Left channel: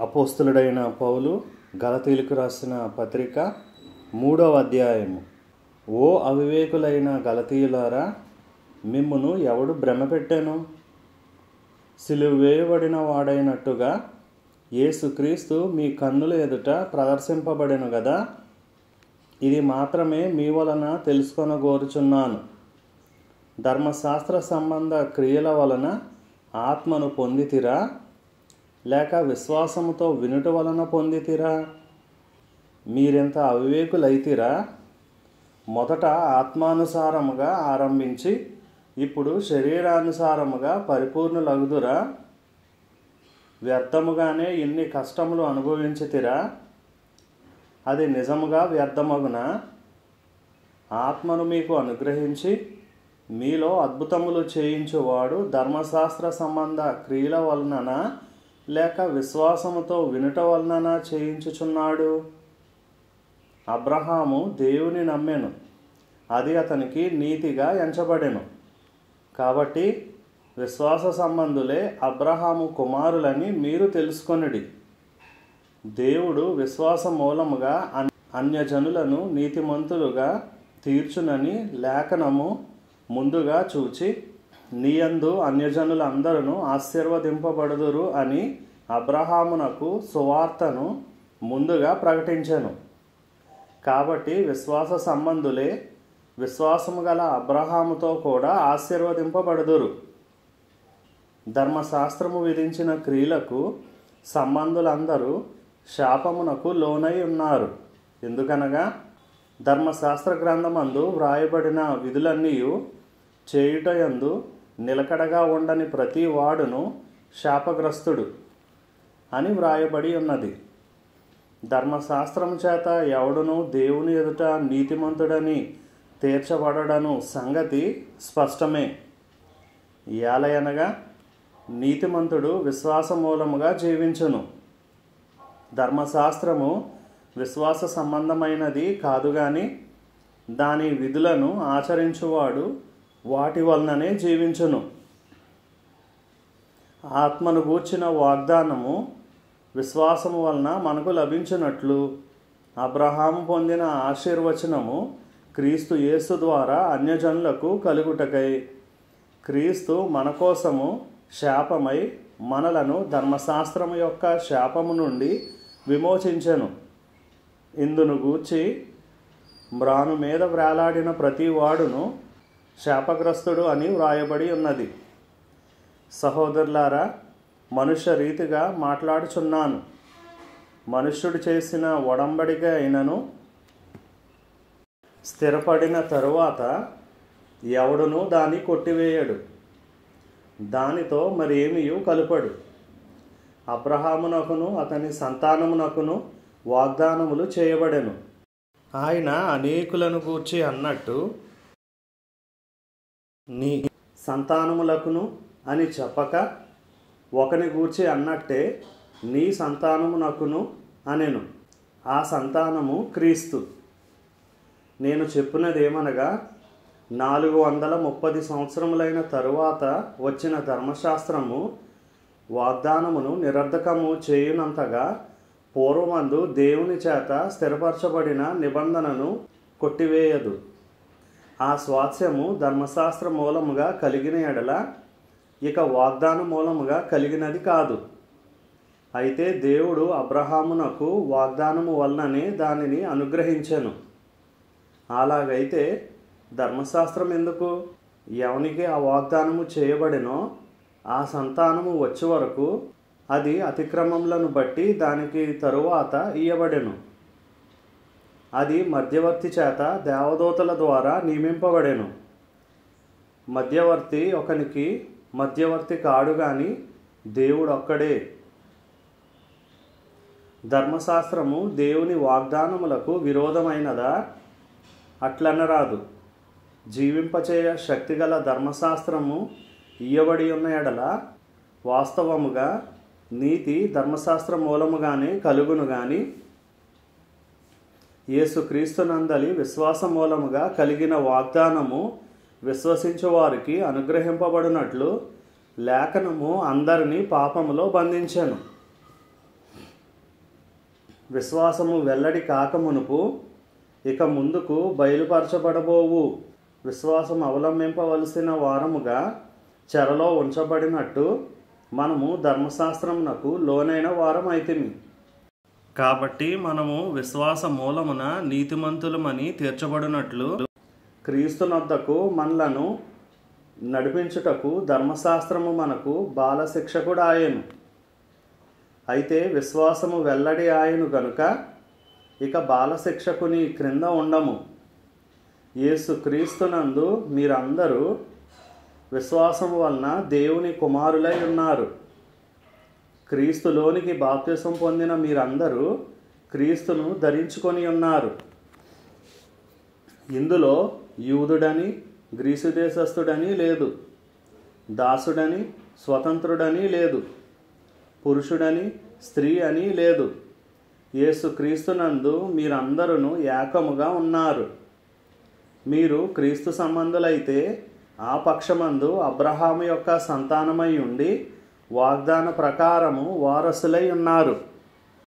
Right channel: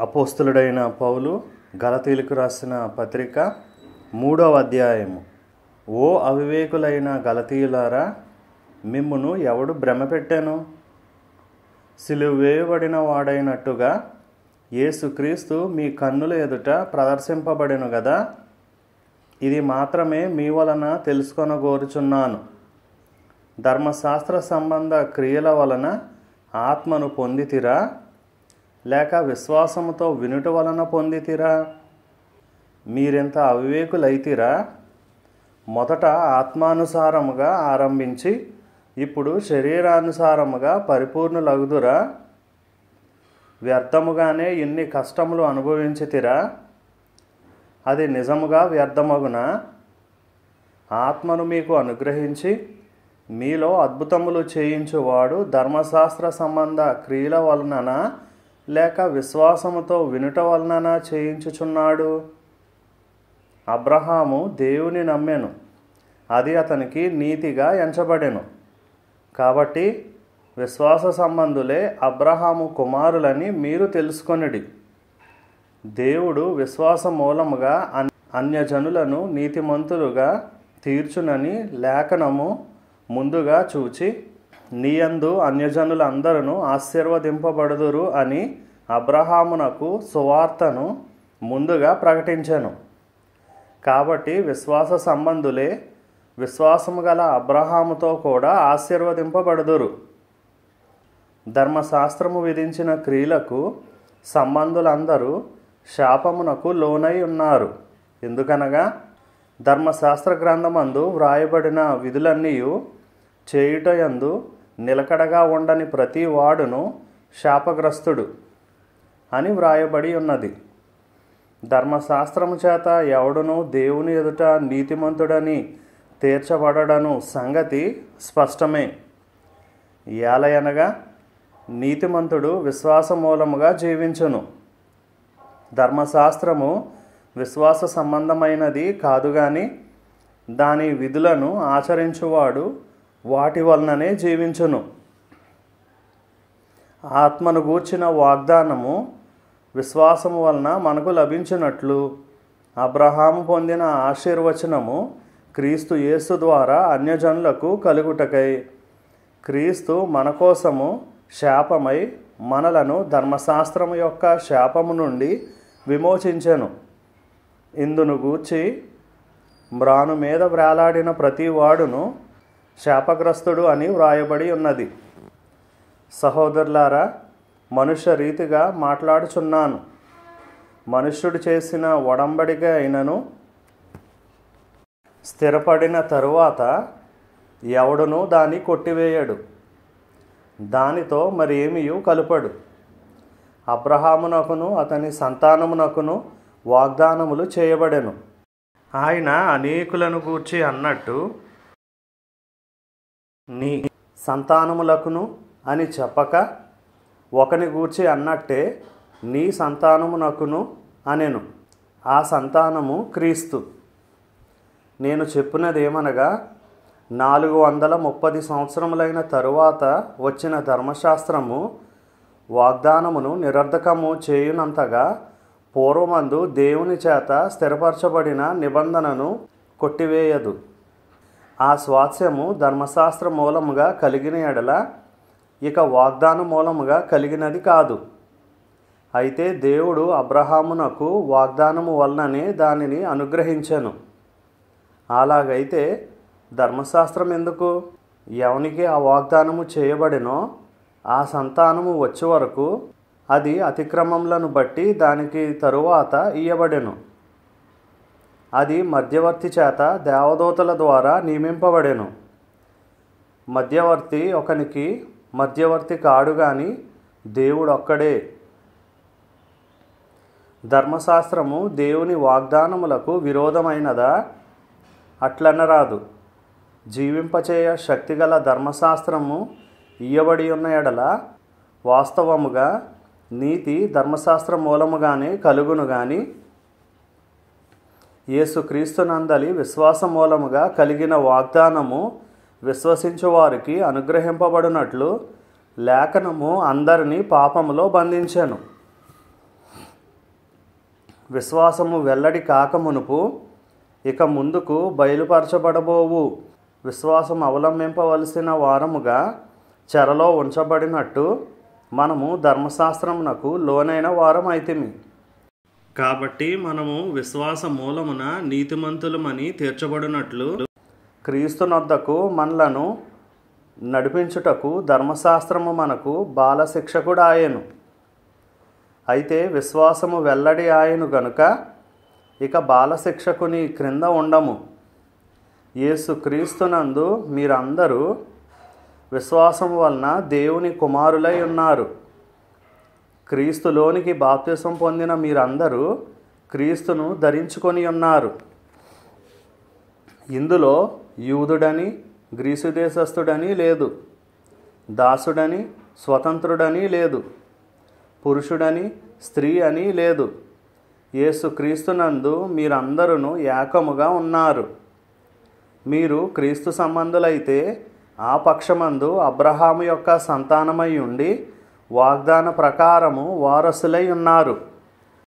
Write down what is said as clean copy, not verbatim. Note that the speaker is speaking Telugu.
అపోస్తలుడైన పౌలు గలతీలకు రాసిన పత్రిక 3వ అధ్యాయము. ఓ అవివేకులైన గలతీయులారా, మిమ్మును ఎవడు భ్రమపెట్టెను? సిలువ వేయబడిన వాడైనట్టుగా యేసుక్రీస్తు మీ కన్నుల ఎదుట ప్రదర్శింపబడెను గదా. ఇది మాత్రమే మీ వలన తెలుసుకొనగోరుచున్నాను. ధర్మశాస్త్ర సంబంధ క్రియల వలన ఆత్మను పొందితిరా, లేక విశ్వాసముతో వినుట వలన పొందితిరా? మీరెంత అవివేకులైతిరా? మొదట ఆత్మానుసారముగా ఆరంభించి ఇప్పుడు శరీరానుసారముగా పరిపూర్ణులగుదురా? వ్యర్థముగానే ఇన్ని కష్టములు అనుభవించితిరా? అది నిజముగా వ్యర్థమగునా? ఆత్మను మీకు అనుగ్రహించి మీలో అద్భుతములు చేయించువాడు ధర్మశాస్త్ర సంబంధ క్రియల వలననా, లేక విశ్వాసముతో వినుట వలననా చేయించుచున్నాడు? అబ్రహాము దేవుని నమ్మెను, అది అతనికి నీతిగా ఎంచబడెను. కాబట్టి విశ్వాస సంబంధులే అబ్రహాము కుమారులని మీరు తెలుసుకొనుడి. దేవుడు విశ్వాస మూలముగా అన్యజనులను నీతిమంతులుగా తీర్చునని లేఖనము ముందుగా చూచి, నీయందు అన్యజనులందరూ ఆశీర్వదింపబడుదురు అని అబ్రహామునకు సువార్తను ముందుగా ప్రకటించెను. కాబట్టి విశ్వాస సంబంధులే విశ్వాసము గల అబ్రహాముతో కూడా ఆశీర్వదింపబడుదురు. ధర్మశాస్త్రము విధించిన క్రియలకు సంబంధులందరూ శాపమునకు లోనై ఉన్నారు. ఎందుకనగా ధర్మశాస్త్ర గ్రంథమందు వ్రాయబడిన విధులన్నీ చేయుటయందు నిలకడగా ఉండని ప్రతి వాడును శాపగ్రస్తుడు అని వ్రాయబడి ఉన్నది. ధర్మశాస్త్రము చేత ఎవడును దేవుని ఎదుట నీతిమంతుడని తీర్చబడడను సంగతి స్పష్టమే. ఏలయనగా నీతిమంతుడు విశ్వాస మూలముగా జీవించును. ధర్మశాస్త్రము విశ్వాస సంబంధమైనది కాదు గాని దాని విధులను ఆచరించువాడు వాటి వలననే జీవించును. ఆత్మను గూర్చిన వాగ్దానము విశ్వాసము వలన మనకు లభించినట్లు అబ్రహాము పొందిన ఆశీర్వచనము క్రీస్తు యేసు ద్వారా అన్యజనులకు కలుగుటకై క్రీస్తు మన కోసము శాపమై మనలను ధర్మశాస్త్రము యొక్క శాపము నుండి విమోచించెను. ఇందును గూర్చి మ్రాను మీద వ్రేలాడిన ప్రతి వాడును శాపగ్రస్తుడు అని వ్రాయబడి ఉన్నది. సహోదరులారా, మనుష్య రీతిగా మాట్లాడుచున్నాను. మనుష్యుడు చేసిన ఒడంబడిక అయినను స్థిరపడిన తరువాత ఎవడునూ దాన్ని కొట్టివేయడు, దానితో మరేమియూ కలుపడు. అబ్రహామునకును అతని సంతానమునకును వాగ్దానములు చేయబడెను. ఆయన అనేకులను గూర్చి అన్నట్టు నీ సంతానములకును అని చెప్పక ఒకని గూర్చి అన్నట్టే నీ సంతానమునకును అనెను. ఆ సంతానము క్రీస్తు. నేను చెప్పినదేమనగా 430 సంవత్సరములైన తరువాత వచ్చిన ధర్మశాస్త్రము వాగ్దానమును నిరర్ధకము చేయునంతగా పూర్వమందు దేవుని చేత స్థిరపరచబడిన నిబంధనను కొట్టివేయదు. ఆ స్వాస్యము ధర్మశాస్త్ర మూలముగా కలిగిన ఎడల ఇక వాగ్దాన మూలముగా కలిగినది కాదు. అయితే దేవుడు అబ్రహామునకు వాగ్దానము వలననే దానిని అనుగ్రహించెను. అలాగైతే ధర్మశాస్త్రం ఎందుకు? ఎవనికి ఆ వాగ్దానము చేయబడినో ఆ సంతానము వచ్చే వరకు అది అతిక్రమములను బట్టి దానికి తరువాత ఇయ్యబడెను. అది మధ్యవర్తి చేత దేవదూతల ద్వారా నియమింపబడెను. మధ్యవర్తి ఒకనికి మధ్యవర్తి కాడు గాని దేవుడు ఒక్కడే. ధర్మశాస్త్రము దేవుని వాగ్దానములకు విరోధమైనదా? అట్లనరాదు. జీవింపచేయ శక్తిగల ధర్మశాస్త్రము ఇయ్యబడి ఉన్న ఎడల వాస్తవముగా నీతి ధర్మశాస్త్ర మూలముగానే కలుగును గాని యేసుక్రీస్తునందలి విశ్వాస మూలముగా కలిగిన వాగ్దానము విశ్వసించు వారికి అనుగ్రహింపబడినట్లు లేఖనము అందరినీ పాపములో బంధించెను. విశ్వాసము వెల్లడి కాకమునుపు ఇక ముందుకు బయలుపరచబడబోవు విశ్వాసం అవలంబింపవలసిన వారముగా చెరలో ఉంచబడినట్టు మనము ధర్మశాస్త్రమునకు లోనైన వారమైతిమి. కాబట్టి మనము విశ్వాస మూలమున నీతిమంతులమని తీర్చబడినట్లు క్రీస్తునొద్దకు మనలను నడిపించుటకు ధర్మశాస్త్రము మనకు బాలశిక్షకుడాయెను. అయితే విశ్వాసము వెల్లడి ఆయను గనుక ఇక బాలశిక్షకుని క్రింద ఉండము. యేసు క్రీస్తునందు మీరందరూ విశ్వాసము వలన దేవుని కుమారులై ఉన్నారు. క్రీస్తులోనికి బాప్తిసం పొందిన మీరందరూ క్రీస్తును ధరించుకొని ఉన్నారు. ఇందులో యూదుడని గ్రీసు దేశస్థుడని లేదు, దాసుడని స్వతంత్రుడని లేదు, పురుషుడని స్త్రీ అని లేదు. యేసు క్రీస్తునందు మీరందరూ ఏకముగా ఉన్నారు. మీరు క్రీస్తు సంబంధులైతే ఆ పక్షమందు అబ్రహాము యొక్క సంతానమై ఉండి వాగ్దాన ప్రకారము వారసులై ఉన్నారు.